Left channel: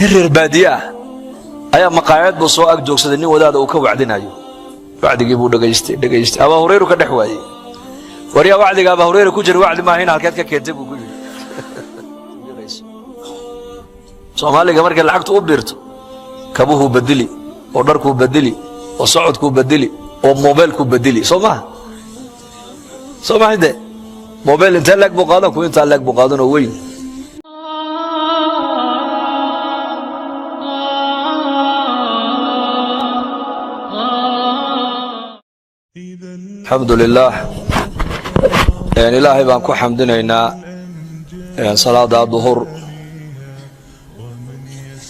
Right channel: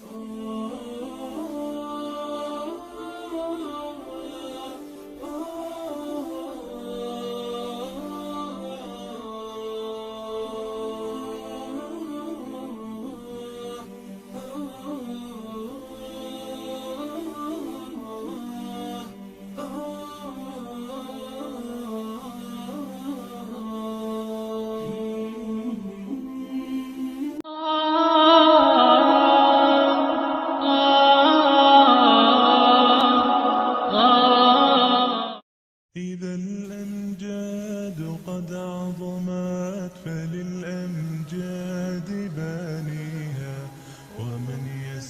reer baadiya ayaa maqaayad buu soo ag joogsaday nin wadaada uu ka wacdinayo wacdigii buu dhageystay Abu Hurayra ka dhex waayay wariya wacdiga Abu Hurayra ku jira wacdi ma ahayn halkeed ka keentay buu yiri Soomaaliga markay lacagtu u biirto kabuhu badili oo dharku badili oo socodku badili oo mobilku badili Soomaahide mobil inta lag buu qaadan ku inta lag buu qaadan oo weyn الحمد لله يعني إلهي بانكو حمدنا صلاة الظهر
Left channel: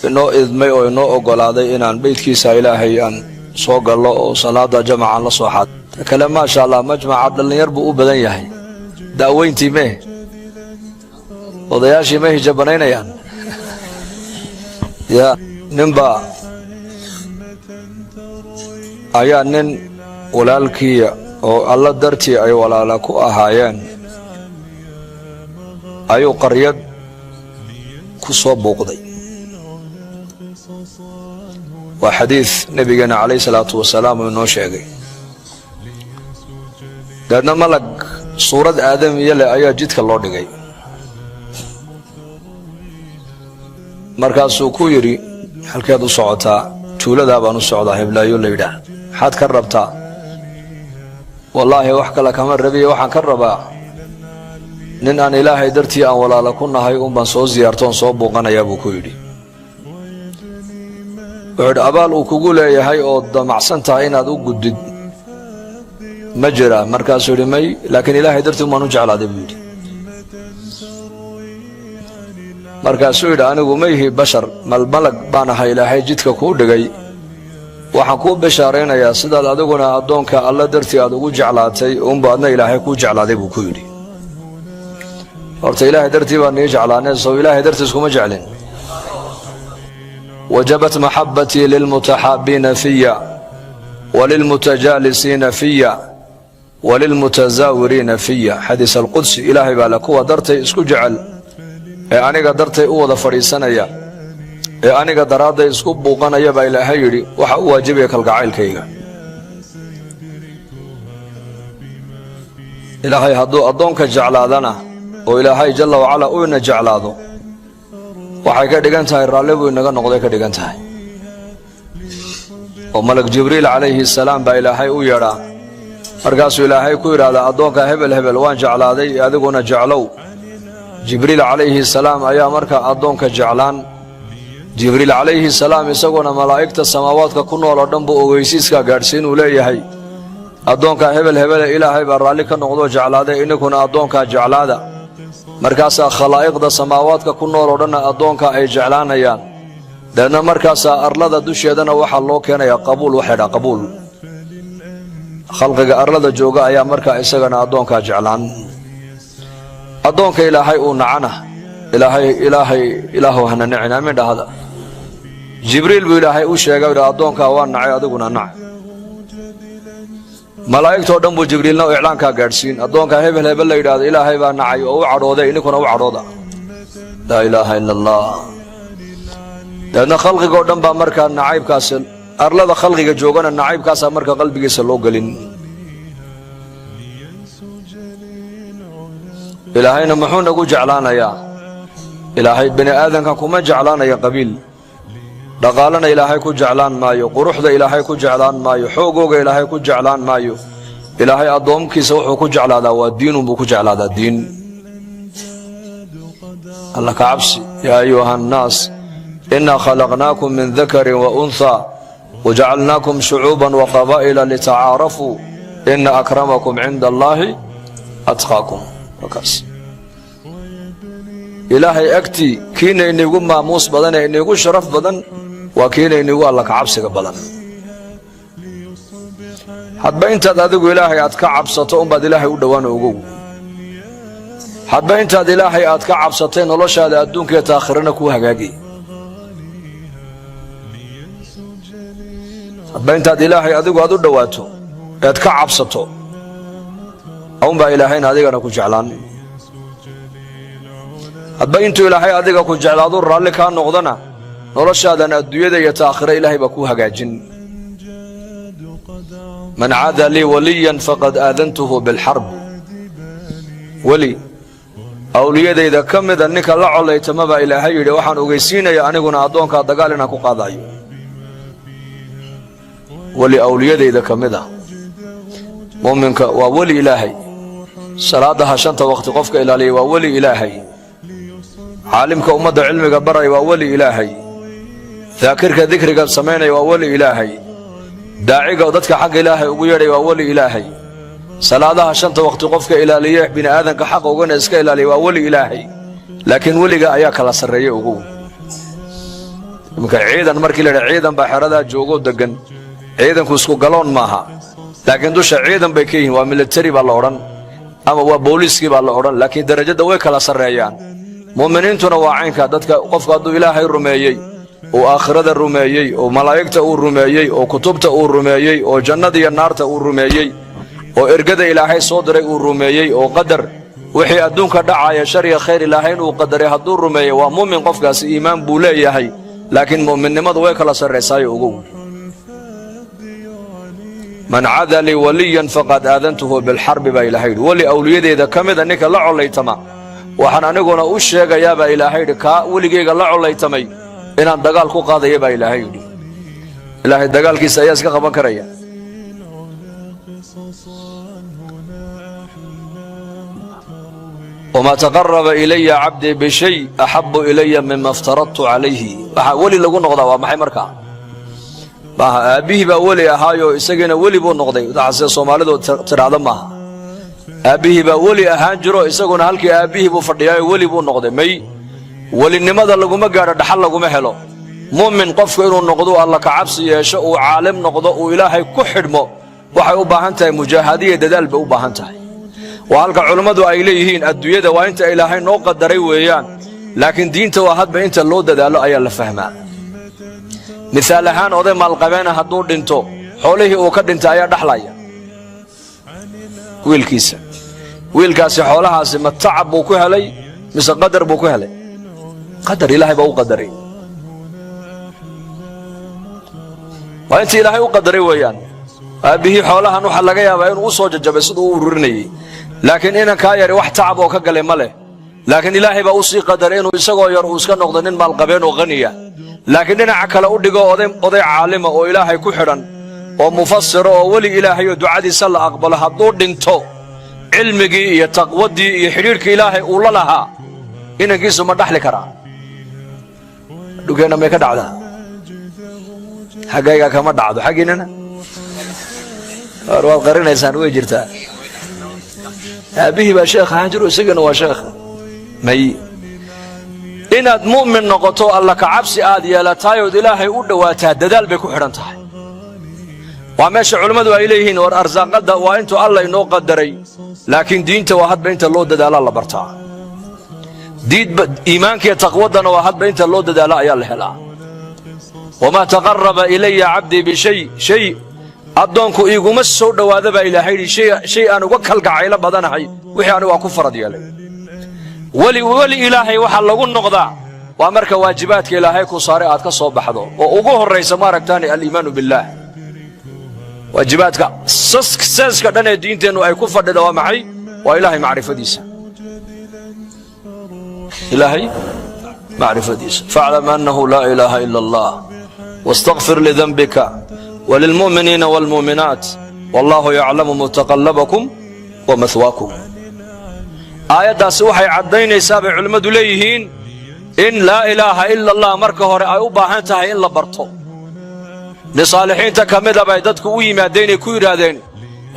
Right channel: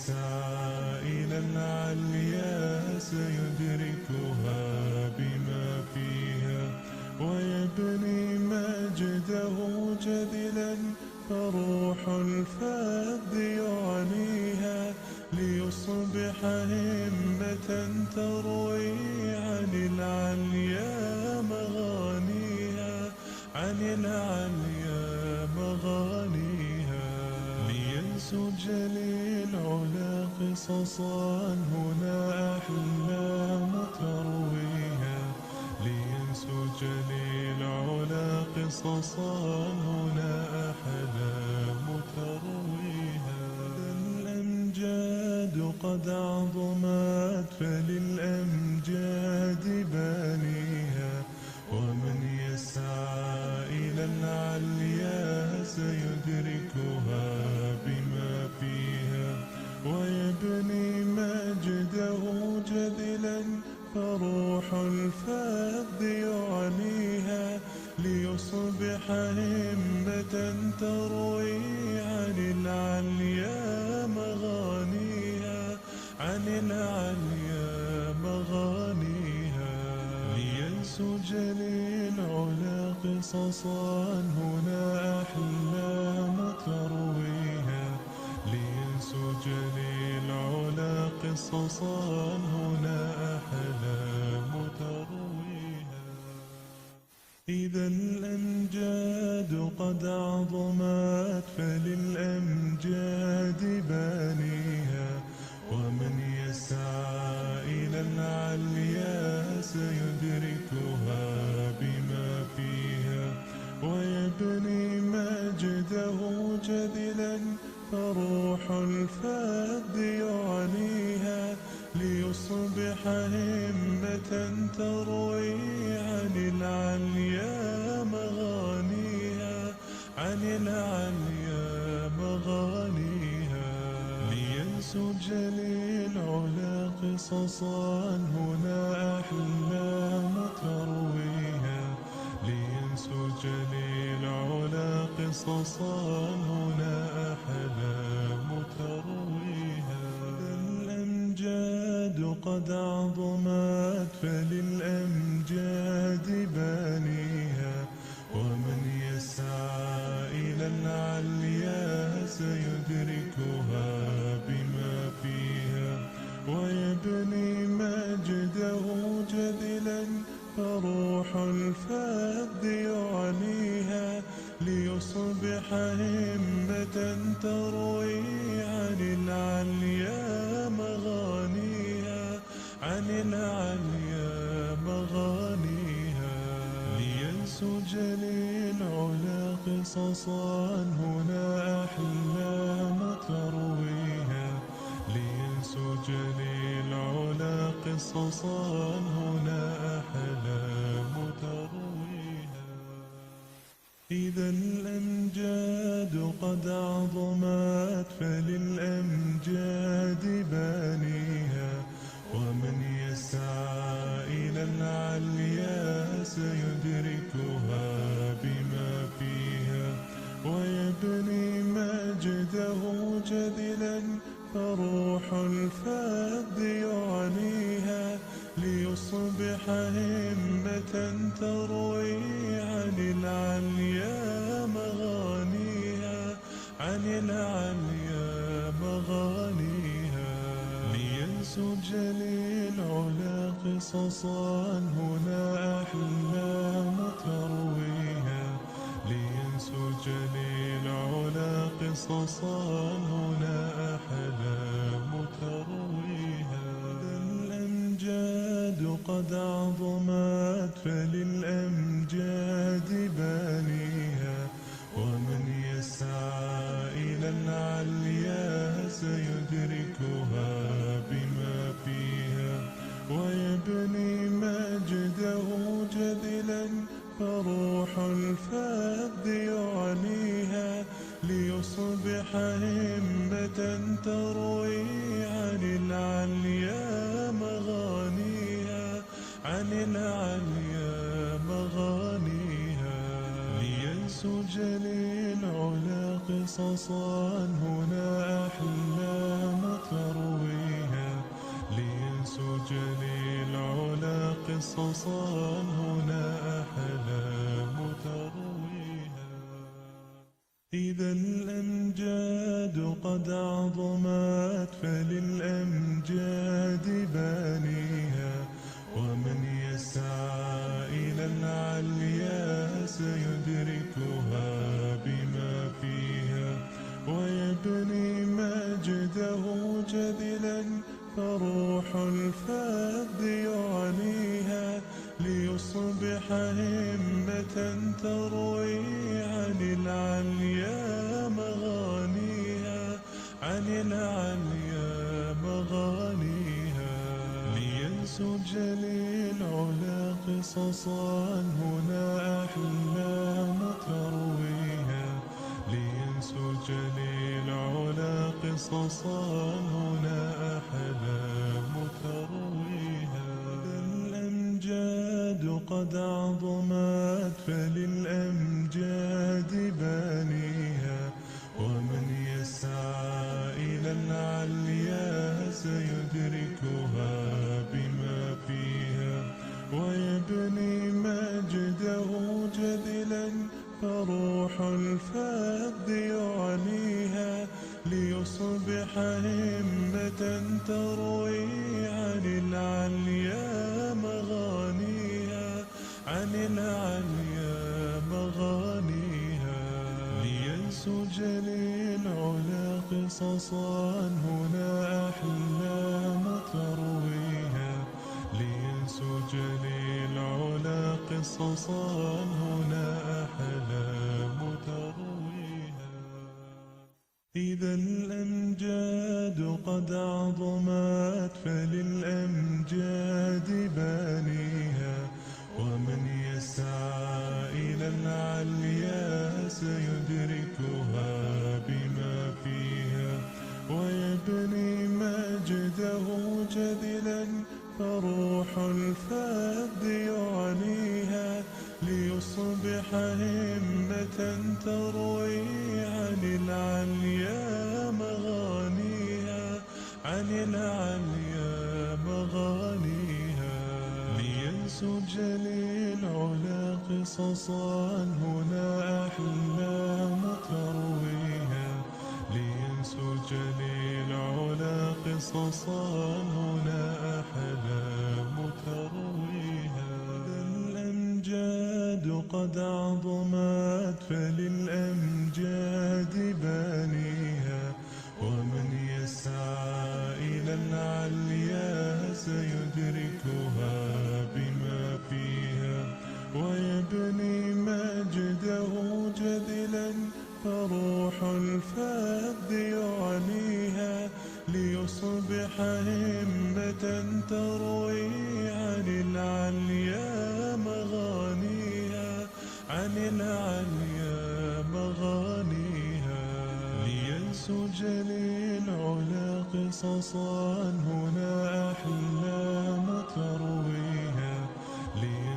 إنه إذ ما إنه أقول هذا إن بيت كيسا إلهي أن صوغ الله صلاة جمع الله صحات كلام ما شاء الله مجمع عبد الله يربو بدنيه داوين تيمه وضياشي ما هي جبنين يعني يا نمبا أيا نن walaalkii oo alla dartii ay walaala ku ahaayeen ayuu qaryad ku soo booqday waa xadiis nabigeena calayhi salaatu wasalaam inoo sheegay dadna malag suurad aadamiye leh ayaa jidka loo dhigay markaasuu ku yiri halkeed u socotaa tuulada baan u socdaa heblaayo leeyda maxaad ka rabtaa والله وحكى لك من ربي وحن كربا نن أن إلهي درتي أن ولا لكنا هاي بان صو زيارتون صوب وقنا يا أبو كويدي بعد أبال وكقول يا هاي أود مع سنتين هذا وجد مجرى مركز سلمي لكن إلهي درتي ما نجعل هذا بيد مركز سويد أنا وميه بشر ما الملك بانا هاي إلهي جدك كود جاي waxaan ku bashaareynayaa sidaad adiguna adoonka alla dartii aad ugu jeclaatay uun baadna ilaahay ku jeclaaday buu ku yiri horta ilaahay dartii baan nii jeclaanay soo ilaahay dartiis kuma jeclin wajabat mahabbati lil mutahabbina fiyya walil mutajalisina fiyya walil mutazawirina fiyya hadith al qudsi ilaahay baa la kuwa dartay isku jecel ee aniga dartay u wada fariisanaya ee aniga daraada isku buuqanaya baa ilaahay yiri waxa uu waajibay kalgacaylkayga ilaahay hadduu adoonka jeclaadana oo ilaahay jalla wa ala uu ina jeclaado waxay ka dhigan tahay raalli buu inaga noqday ka dhigan tahay oo malak jibriil calayhi salaam baa ilaahay u yeedhaa markaasuu ilaahay ku yidhaahdaa adoonka hebel hebel waan jeclaaday adiguna jeclow jibriil calayhi salaam ayaa marka adoonka jeclaan jibriil calayhi salaam isaguna malaa'igta samaawaadka ku nool oo dhan buu ogeysiiska gaadhsiin uu leeyahay adoonka hebel hebel ilaahay baa raalli ka noqdo jeclaaday inkuna adoonka jeclaada markaasaa khalaa'iqda samaawaadka ku nool oo dhan adoonka ay jeclaanayaan dadna markaasaa arlada dusheedana waxaa loo keenayaa qabuul waxay qabuul khalqiga arlada jooga ayaa markaa isagana adoonka jeclaan adoonka ilaahay uu nacana ilaahu hana nacina min dhahada jibriil buu ilaahay u sheegay adoonka waa nacay adiguna nac malaa'igtoo dhan buu jibriilna u iclaanka gaadhsiin adoonka hebel hebel la yiraahdo ilaahay baa nacay oo u cadhooday inkuna u cadhooda la ilaaha illa allah dadna khalqiga dhan baa markaa nacaybkaas arlada khalqiga joogana nacaybkaas markaa qalbigiisa loo galin ilaahayna muxuu nagu jeclaanayaa ilaahay bini aadanka kuma jeclaanaya qabiil dhaqaalana ilaahay ku jeclaan maayo quruxda ilaahay ku jeclaan maayo xoogooga ilaahay ku jeclaan maayo ilaahay adoomkiisa wuxuu ku jeclaadaa waa diinun buu ku jeclaadaa diin alla ka cabsi yaa ayuha annaas innaa khalaqnaakum min dakarin wa unthaa wajacalnaakum shucuuban wa qabaa'ila litacaarafuu inna akramakum cinda allaahi atqaakum markaas ilaahay agtii kiina inigu maamuus badan ee inigu sharaf badan waa kiina inigu alla ka cabsiga badan hadba intaad adigu ilaahay aad ka cabsato unbaad ilaahay u dhowaan ogow hadba intaad ilaahay aad ka cabsatay noloshaada adduunka iyo aakhirana ku hagaagay hadba intaad ilaahay adigu aad u dhowaato eed ka cabsato unbaa ilaahayna adigana ku jeclaan hadba intuu ilaahay adiga ku jeclaado raalli kaa noqdana noloshaadan adduunyada iyo taakhira ilaahay baa ku hagaajin man caada lii waliyan faqad aadantuhu bilxarb weli awliyadayda ka mida ninka la colaytama baa ilaahay yidhi waxaan ogeysiinaya aniguna addoonkaa dagaal inaan ku qaadayo weli awliyadayda ka mid ah mu'minka waa weli ilaahay salaadaha 5 waqti qofka ilaaliya waa weli ilaahay caalimka ummadda cilmiga baraya waa weli ilaahay daakirka dikriga samaynaya waa weli ilaahay daaciga dadka xagga ilaahay ugu yeedhay waa weli ilaahay salaadaha 5 waqti qofka ilaaliya bini aadanka xaq ugana iska ilaaliya waa weli ilaahay laakiin weliga ayaa kala sareeyay ugu marka ciidan markii la ciidan baa xerada joogo degan ciidanku isku galoon maaha laakiin dusha ciidan bay ka yihiin waa military baa la oran ama waa booliiskii baa la oran laakiin darajada way kala sareeyaan muuminiintuna waa caynka dadka qofka hadduu ilaahay rumeeyey oo aakhirada rumeeyey oo malaa'igta uu rumeeyey oo kutubta uu rumeeyey oo jannada iyo naarta uu rumeeyey oo ergada ilaahay soo diray uu rumeeyey oo qadar wixii adduunka dhacaya shar iyo khayr ilaahay inuu qadaray hadduu rumeeyo waa muumin qofkaasi iimaan buu leeyahay laakiin muuminnimadu way kala sarreysay ugu man caada lii waliyan faqad aadantuhu bilxarb baa ilaahay weli awliyadeeda ka mida ninka la colaytama waxaan aniguna u sheegayaa baa ilaahay kaa weligeyga la colaytamay inaan dagaal ku qaadaya baa ilaahay ilaahay dagaalkiisa ayaa iska qaban karaya وما تقرب إلي عبدي بشيء أحب إلي مما افترضت عليه ولي لغو نقضى ومحي مركا أبيه با ولي أهايو إساقنا ولي بو نقضي دعسي صومالي دو ترعظم معها أبيه با ولي أهانجرو إساقنا هلكي أبيه بو فردياي ولي بو نقضي مي ولي نماذا لغو مقارا دحال لغو محلو مؤمن قفك إنو نقضو الله كعبسي يشاء عالم نقضو إلهي كحرمو waxay u baahan tahay mujaahadiye dadaal bay u baahan tahay waa halka culimadu ay leeyihiin adduunyada waa inta ilaahay noo qadaray weeyaan laakiin diinta waa hadba inta loo dadaalo ayaa la fahmaa misaal ahaan oday maalqabeena hadduu dhinto xoolihii uu ka dhintay ayaa dhaxlaya wiilkaasi xoolahaasi ma tacab buu ku helay mise qadar buu ku helay qadar ilaahay baa u qadaray waa inta ilaahay u qadaray weeyaan aabihii xoolahan waxa laga yaabaa inuu soo jajabay sidoo uu ururinayay laakiin inanka yar wax tacab oo ka galay male laakiin ilaahay baa u sii qadaray inuu isagoo yar uu iska noqdo nin maalqabeen oo qaniya laakiin dhinaca kale u dhigo oday caalima oo ilaahay ku xidhan oo mufassir oo wali ilaahay oo ducadiisa la aqbalo hadduu dhinto cilmigii iyo taqwadii iyo xiriirkii ilaahay uu la lahaa inankiisu ma dhaxli karaa dhugeena may ka dhacdaa xaggayga kama dhacdo xaggiinana waad qarinaysaan way jirtaa aabihii baa sheekh ahaan jiro isagana waa sheekh may inaad mu'min noqoto alla ka cabsi aad yeelataay oo ilaahay u dhawaataa dadaal bay ku xidhan tahay waa meesha culimmadu ay leeyihiin war arsaaqada waa intuu alla inoo qadaray laakiin diinta waa hadba inta loo dadaala la bartaa iimaanka iyo taqwadana waa hadba inta loo dadaala ayaa la helaa wamaa taqaraba ilaya cabdii bishay addoonku iguma soo dhowaada baa ilaahay shay aan uga kalgacayla badanahay wixii anigu waa ku farad yeelay weli ilaahay waxa lagu noqdaa waa marka waajibaadka ilaahay ku saaray aad ka soo baxdo oo ugu horraysa maaragtaani aliimaanu billaah waajibaadka saska dhan ee diinteennu ay ku fadhida waa maxay waa ilaahay macrifadiisa ilaahay macrifadiisa faclam annahu laa ilaaha ila allah واستغفر لذنبك وللمؤمنين والمؤمنات والله يعلم متقلبكم ومثواكم آياتاasi waxay cadaynaysaa bay culimadu leeyihiin in laa ilaaha ila allah marka hore ay u baahan tahay in la barto lisaalixiinta kamida bay dadku u yimaadeen ku yiraahdeen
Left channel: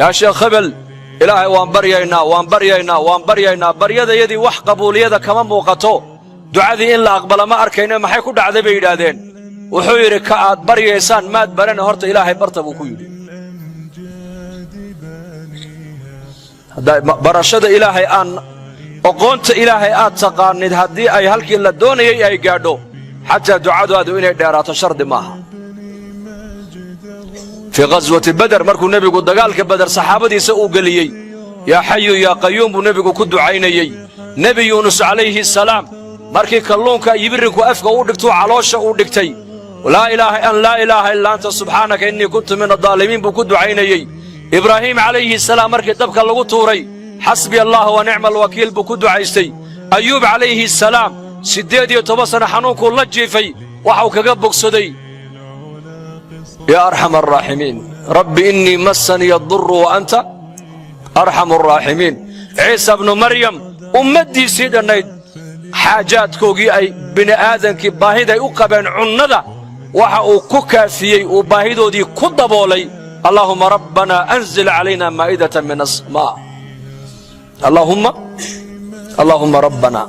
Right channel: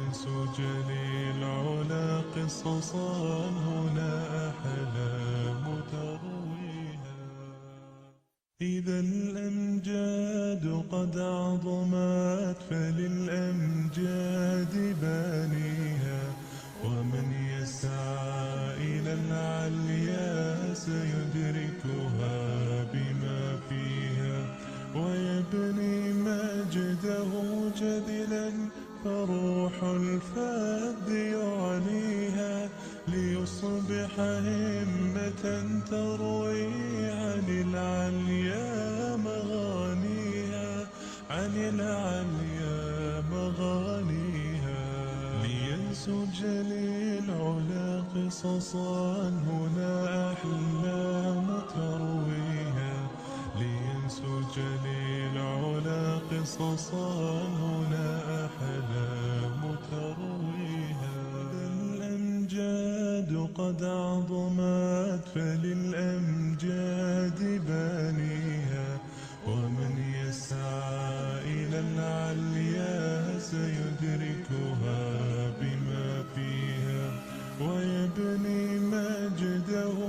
yaa sheekh khabal ilaahay waan baryaynaa baryadayadii wax qabuuliyada kama muuqato ducadii in la aqbala ma arkayna maxay ku dhacday bay yiraahdeen wuxuu yiri ka aad baryaysaan maad baran horta ilaahay barta buu ku yiri barashada ilaahay aan aqoonta ilaahay aad taqaanid haddii ay halkii la doonayay ay gaadho xataa ducadaadu inay dheeraato shardi maaha في غزوة بدر مركو نبيكو دقالك بدر صحابتي سأو قليي يا حي يا قيوم نبيكو كدو عينيي نبي يونس عليه السلام markii kalluunka yibirku afka u dhigto caloosha u dhigtay laa ilaaha illa anta subhaanaka innii kuntu min adh-dhaalimiin buu ku ducaynayay ibraahim calayhi salaam markii dabka lagu tuuray xasbi allah wa ni'mal wakiil buu ku ducaystay ayuub calayhi salaam 18 sano xanuunku la jiifay waxa uu kaga bogsaday yaa arhamar raahimiin rabbi innii massani ad-durru wa anta arhamur raahimiin ciisa ibn maryam ummadiisii dhanayd xaajaadkoogii ay bini aadankii baahiday u qabeen cunnada waxa uu ku kaafiyey uu baahidoodii ku daboolay allahumma rabbana anzil calayna maa'idatan min as-samaa allahumma rabbana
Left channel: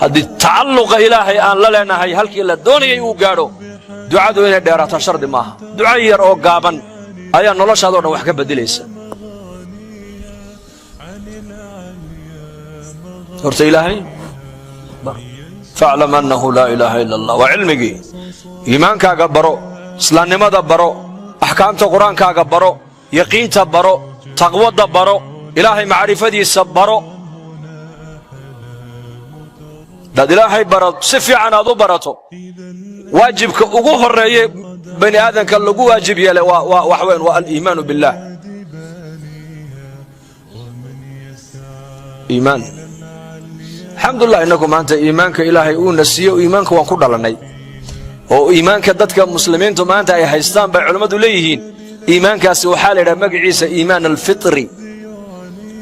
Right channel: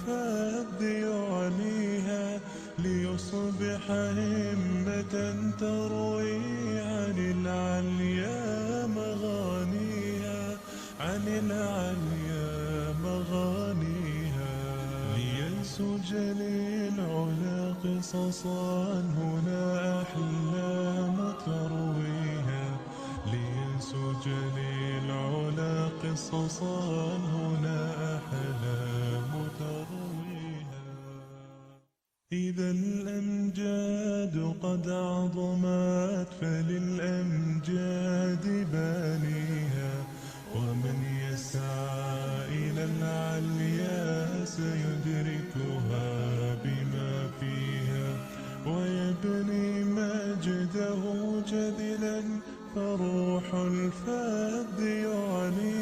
haddii tacalluqa ilaahay aan la leenahay halkii la doonayay uu gaadho ducadu inay dheeraato shardi maaha duca yar oo gaaban ayaa noloshaadoo dhan wax ka beddelaysa horta ilaahay faclam annahu laa ilaaha ila allah waa cilmigii iimaankaaga baro islaamnimada baro axkaamta qur-aankaaga baro yaqiinta baro taqwadda baro ilaahay macrifadiisa baro dad ilaahay baro si fiican aad u barato waajibka ugu horeeye bani aadanka lagu waajib yeelay wax weyn waa al-iimaanu billah iimaan alxamdulillah innagu maanta iimaanka ilaahay uu nasiiyo iimaanka waan ku dhalanay oo iimaanka dadka muslimiintu maanta ay haystaan bay culimmadu leeyihiin iimaankaasi waxaa la yidhaha magaciisa iimaan alfitri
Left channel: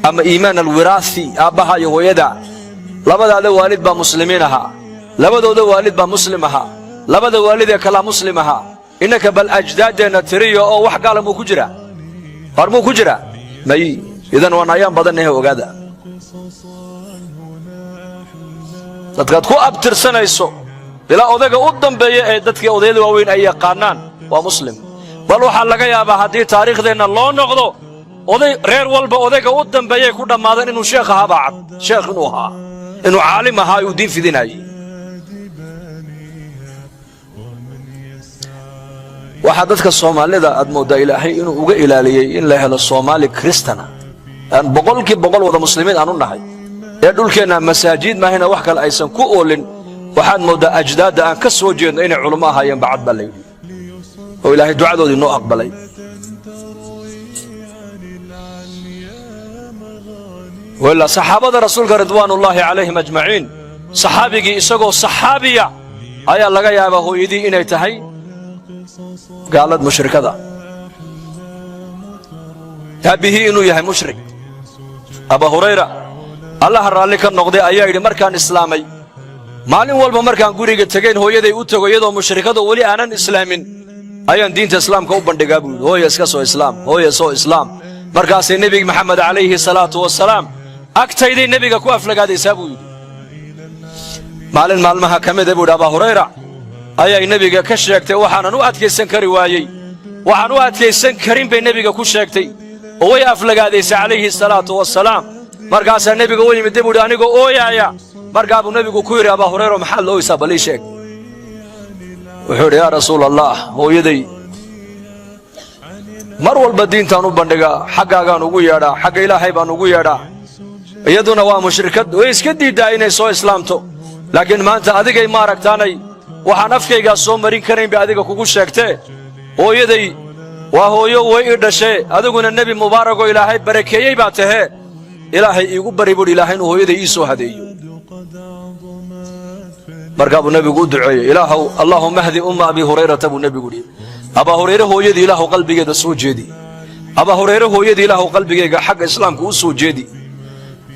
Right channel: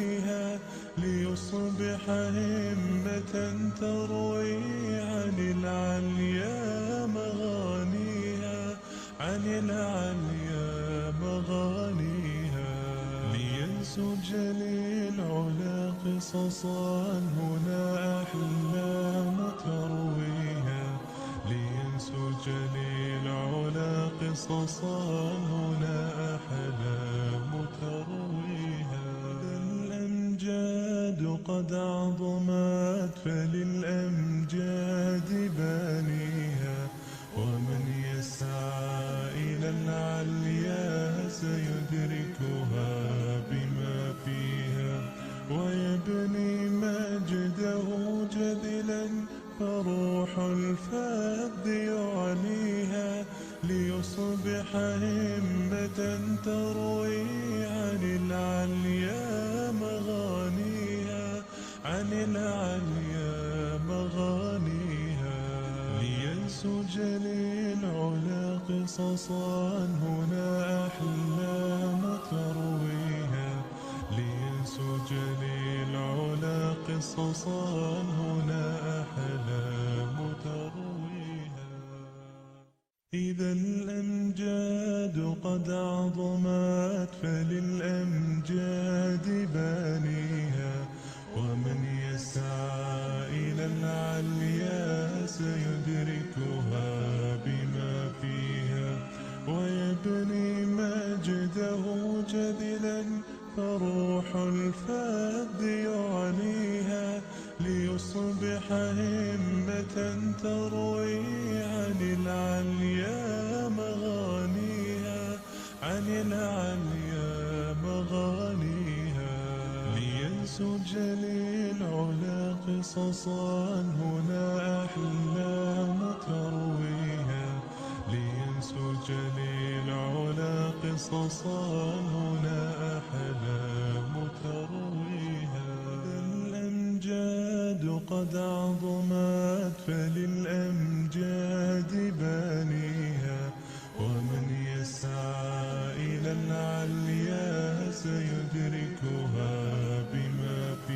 ama iimaan alwiraathi aabbaha iyo hooyada labadaada waalid baa muslimiin ahaa labadooda waalid baa muslim ahaa labada waalid ee kalaa muslim ahaa innaka bal ajdaadeenna tiriyo oo wax gaala muu ku jira war muu ku jira may idan waan ayaan badannahe ogaada dadkaad ku abtirsanayso ilaa odayga u dambeeya ee dadkii odayada waaweyn ay yaqaanaan waa muslim bal waxaa laga yaabaa haddii taariikhdeenna loo noqdo oday reer walba odayga u dambeeyay ku dhammaadeen inuu sheekh ahaa baa cad sheekh inuu ahaa inuu caalim ahaa uu diin fidinayay waxaa dadka soomaalida aad mooddaa ilaahay inuu uga ilaaliyey in la helo soomaali kristana aan boqolkiiba wada muslimiin aan u nahay ee dhulkeenna masaajid maahina wax kale aysan ku oolin waxaad mooddaa ajdaadda aan ka soo jeedno inay culummo ahaayeen bacad baa layidhi oo ilaahay ducadoodii noo aqbalay وإلا صحابة رسولك رضوان الله عليهم أجمعين صحابي إسقو صحابية أيا لغا يابا هو إيدي إني تهي قالت مشرك هذا تابه إنو يهي مشرك أبا هريرة الله الرالي كان نقضي أيا إيدي مركان إسلامي مالين والبا مركان قريق التقين هو يدي أتقو يدو مشرك هذا ولي أنا إسلامين أيا دين إسلام كوبان دقابو هو يسكسو إسلام هو يسو إسلام مركاسي النبي محمد عليه الصلاة والسلام agtaydii nebiga ku aflagaadaysaa buu yidhi maalin maalmaha ka mida buuhi abaa hurayra ayay nebiga ka sheegtay waxaanan u adkaysan kari waayey waxaan u adkaysan karin bay nebiga ku sheegtay oo way aflagaadaysay calayhi salaatu wasalaam markaasaa nebiga u yimid buuhi anigoo ooyaaya markaa buu nebigu ku yidhi abaa hurayra maxaad la ooysaa bal ii sheeg wuxuu yidhi yaa rasuul allah hooyaday mar walba diintaan u bandhigaa xaggaagaan ugu yeedhaa xagga ilaahay baan ugu yeedhaa iyaduna waa mushrikad way iska diiddaa inay soo islaamto laakiin maanta adigay maaragtaanay waxaan afkaygaa soo marin karayn bay adiga kugu sheegtee hooyaday waa hooyo way ii dhashee adiguna nebi mubaaragoo ilaahay barakeeyey baa tahee ilaahay iigu bari buuhi ilaahay inuu hooyaday ii soo hadeeyo markaa buu nebigu u duceeyey ilaahow allaahumma hdi umma abi hurayrata buu nebigu yidhi abaa hurayre hooyadii ilaahu qalbigeeda soo jeedi abaa hurayre hooyadii ilaahu qalbigayga xagga islaamka u soo jeedi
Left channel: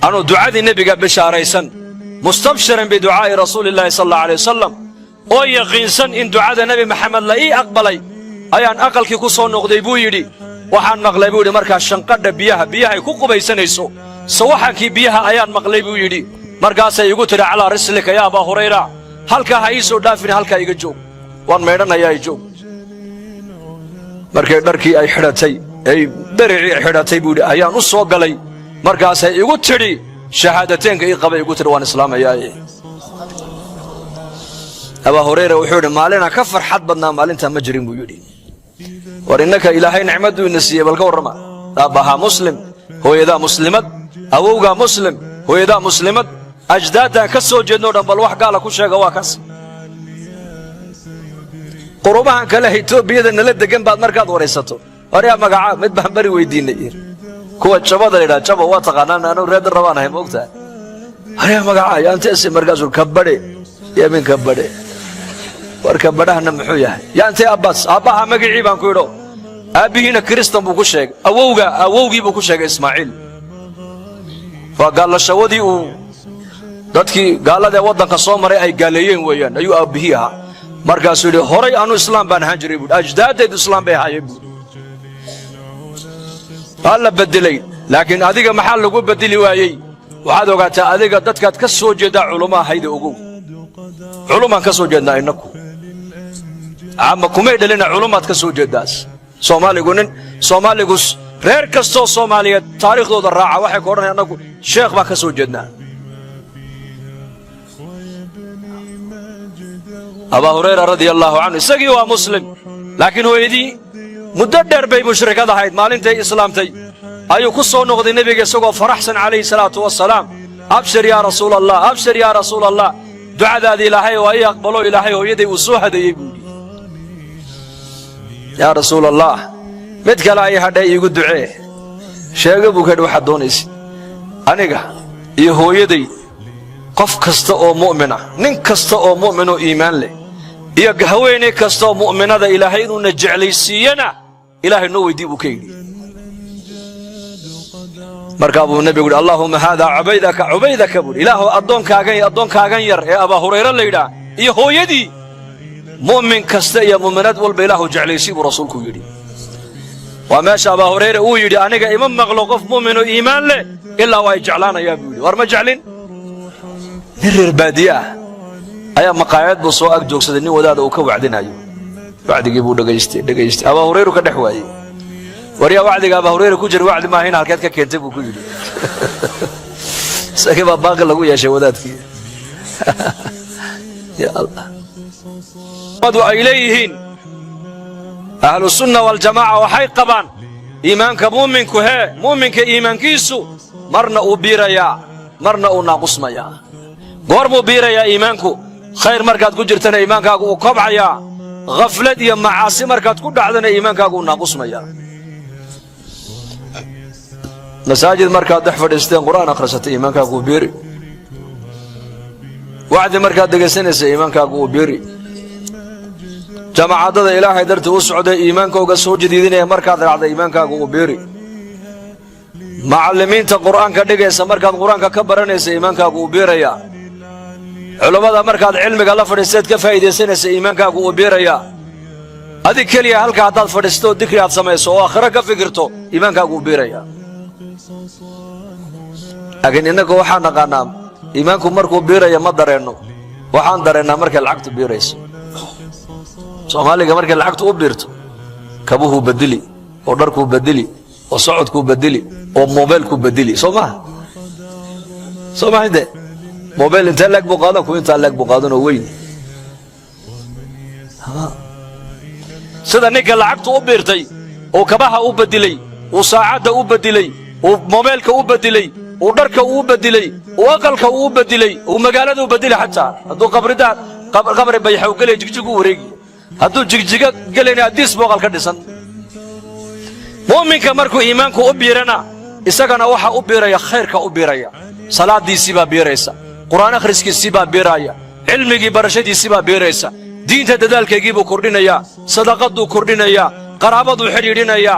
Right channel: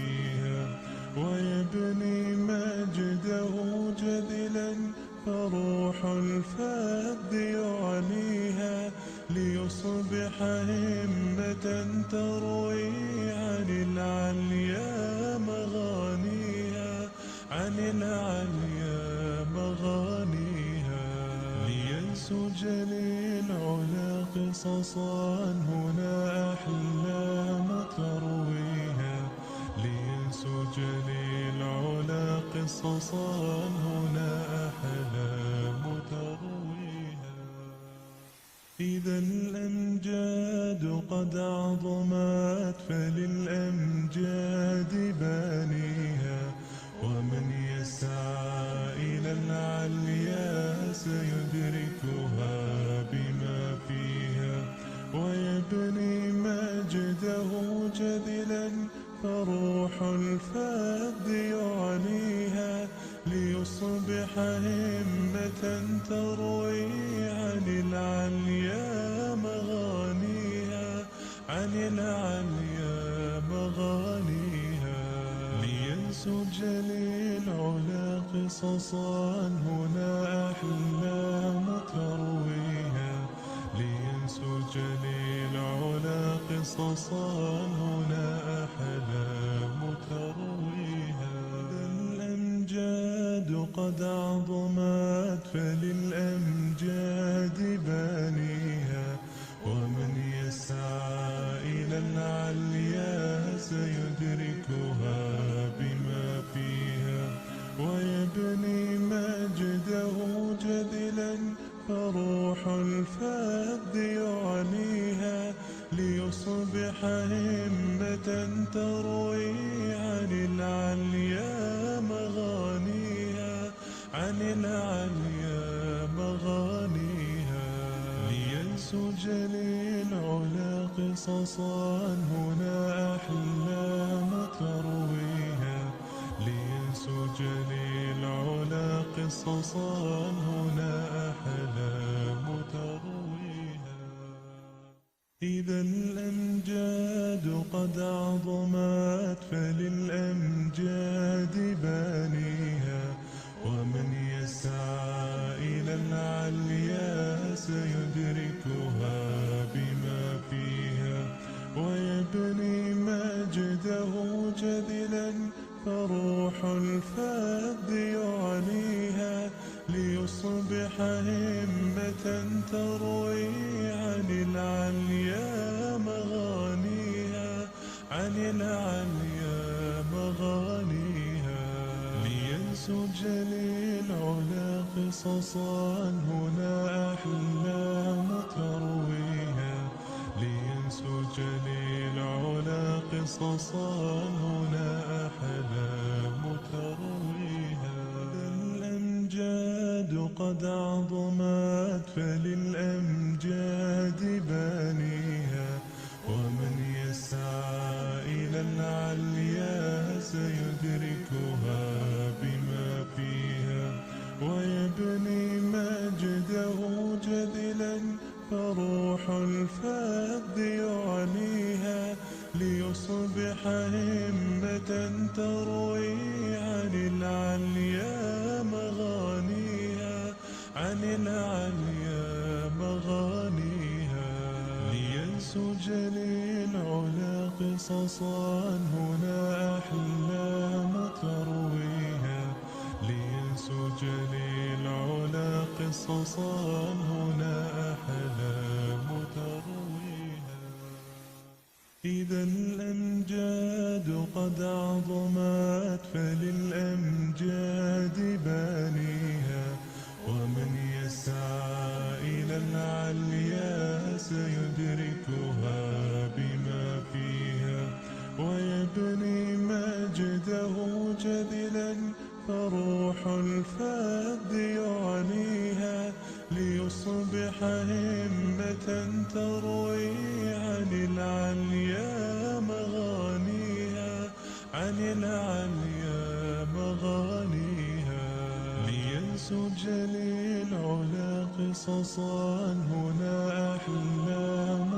anuu ducadii nebiga bishaaraysan mustabshiran biducaa'i rasuulillaahi sal allahu alayh wasalam oo yaqiinsan in ducada nebi maxamed la ii aqbalay ayaan aqalkii ku soo noqday buu yidhi waxaan maqlay buu yidhi markaa shanqadha biyahay ku qubaysanayso sawaxankii biyaha ayaan maqlay buu yidhi markaasay igu tidhi calaa rislika yaa abaa hurayra halkaa ha ii soo dhaafin halkaa iga joog waan maydhanayaa i joog markay dharkii ay xidhatay ay dhericii xidhatay buu yidhi ayaan u soo galay markaasay igu tidhi shahaadateynka ii qabay igu tidhi waan islaamayaaye abaa hurayra wuxuu yidhi maalinaa ka farxad badnaa maalintaa ma jirin buu yidhi war innaka ilaahay nicmadduu ina siiyey bal ka warrama aabbahaa muslim hooyadaa muslimad awowgaa muslim hooyadaa muslimad أجدادنا كسو جدنا بل wax gaala ku sheega waa kaas qurubahan kale Itoobiya nala degan baad markaad wareysato wariya magaca mid baan bari weydiinay kuwa jabada ila jaba waa taqaanaan aanu reed rabaanahay moogtaa wariya magaca yaantees markaas uu kabade yeemin kabade warka badahna muxuu yahay yaantee abbas abaha magacii baan ku yidho aabihiina kristan buu ku sheegay awowgii buu ku sheegay ismaaciil waa gaalashawadii uu dadkii gaalada waddanka soo maray ay gaaleeyeen weeyaan ayuu aabihii ahaa markaasuu yidhi horay aanu islaam baan ahaan jiray buui ajdaadaydu islaam bay ahaayeen buui waa la bedelay laakiin adiga maxaa lagu bedeli waayey waxaad ogaataa adiga dadkaad ka soo jeedaa culummo ahayda ogow culumaan ka soo jeednaa innaku ama kumay dhalina culumaad ka soo jeedaas soomaaligu reer kastoo soomaaliyeed taariikhdooda raaca waxay ka odhanayaan annagu sheekh baan ka soo jeednaa abaa hurayra radia allaahu canhu isagii waa muslim laakiin hooyadii muddo dheer bay mushrikad ahayd maalintay islaamtay ayuu ku soo noqday nebiga isagoo faraxsan calayhi salaatu wasalaam abshir yaa rasuul allah abshir yaa rasuul allah ducadaadii ilaahay waa ii aqbalo ilaahay hooyaday uu soo hadeeyey yaa rasuul allah mid kale ay hadhay iigu ducee sheega buu kadhi waxaad doonaysid aniga iyo hooyaday qof kasta oo mu'min ah nin kasta oo mu'min oo iimaan leh iyo haweeney kasta oo mu'minada ilaahay inuuna jeclaysiiyana ilaahay noo weydii buu ka yidhi markaa buu nebigu yidhi allaahumma haadaa cubaydaka buuhi ilaahu addoonkaagan yar ee abaa hurayra la yidhaah iyo hooyadii mu'min kasta iyo mu'minaad walba ilaahu jeclaysii buu rasuulku yidhi waa meesha abaa hurayra uu yidhi aniga ima maqlo qof mu'min oo iimaan leh ilaa waa ay jeclaanayaa buu yidhi war ma jeclin nin reer baadiye ah ayaa maqaayad buu soo ag joogsaday nin wadaada uu ka wacdinayo wacdigii buu dhegaystay abaa hurayru ka dhex waayey waryaa wacdiga abaa hurayra ku jira wacdi maaha in halkeed ka keentay buu ku yidhi isagii baa baaqi lagu yeeshay wadaadkii ya allah madu ay leeyihiin ahlu sunna waljamaaca waxay qabaan iimaanka mu'minka iimaankiisu marna uu biirayaa marna uu naaqusmayaa goor muu biirayaa iimaanku khayr markaad ku jirtana iimaankaagu uu kobcayaa khaflad iyo macaasi markaad ku dhacdana iimaankaagu uu naaqusmayaa masaajid markaad dhex fadhiisteen qur'aan akhrisatay iimaankaagu uu biiri wacdi markaad dhegaysanaysa iimaankaagu uu biiri jamaacadada ilaahay dartii u socday iimaankooga soo jadiidinaya markaad raacday iimaankaagu uu biiri macallimiinta qur'aanka dhigaysa markaad qur'aanka ka baranaysa iimaankaagu uu biirayaa culummada markaad cilmiga la fadhiisteed ka faa'iidaysanaysa iimaankaagu uu biirayaa adig keliya halka haddaad fadhiisto dikri aad samayso oo aakhiro ka fikirto iimaankaagu uu biirayaa laakiin innagu waxaan naqaannaa iimaanku markuu biiraya ma dareenno waxaan dareennaa markay lacagtu biirayso soomaaliga markay lacagtu u biirto kabuhuu bedeli oo dharkuu bedeli oo socodkuu bedeli oo moobeelkuu bedeli soo maha inte موبيل انت لك بقادن كو انت لك بقادن وين sida ninka lacagtu u biirtay oo kabaha u bedilay oo saacada u bedilay oo mobilka u bedilay oo dharka u bedilay oo aqalka u bedilay oo magaalada u bedilay xataa haduu qabri bay xaw galay jigjigu wareegi haduu jigjiga galayna hadis boqol ka dhisan muuminka markuu iimaanku u biirana isagana waxa u biiraya khayrka u biiraya salaadiisi baa biiraysa quraan akhriskiisi baa biiraya cilmigi barashadiisi baa biiraysa diinta dadaalkeegii buu kordhinaya sadaqadu kordhinaya qaraabadu xiriirinaya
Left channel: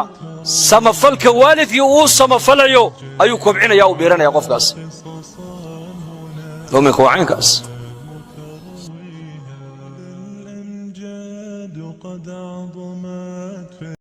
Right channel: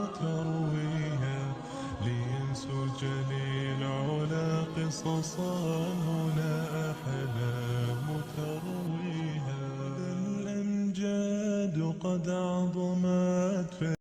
samafalka waalidkii uu samafalayo ayuu kobcinaya oo biiranaya qofkaas muuminka waa caynkaas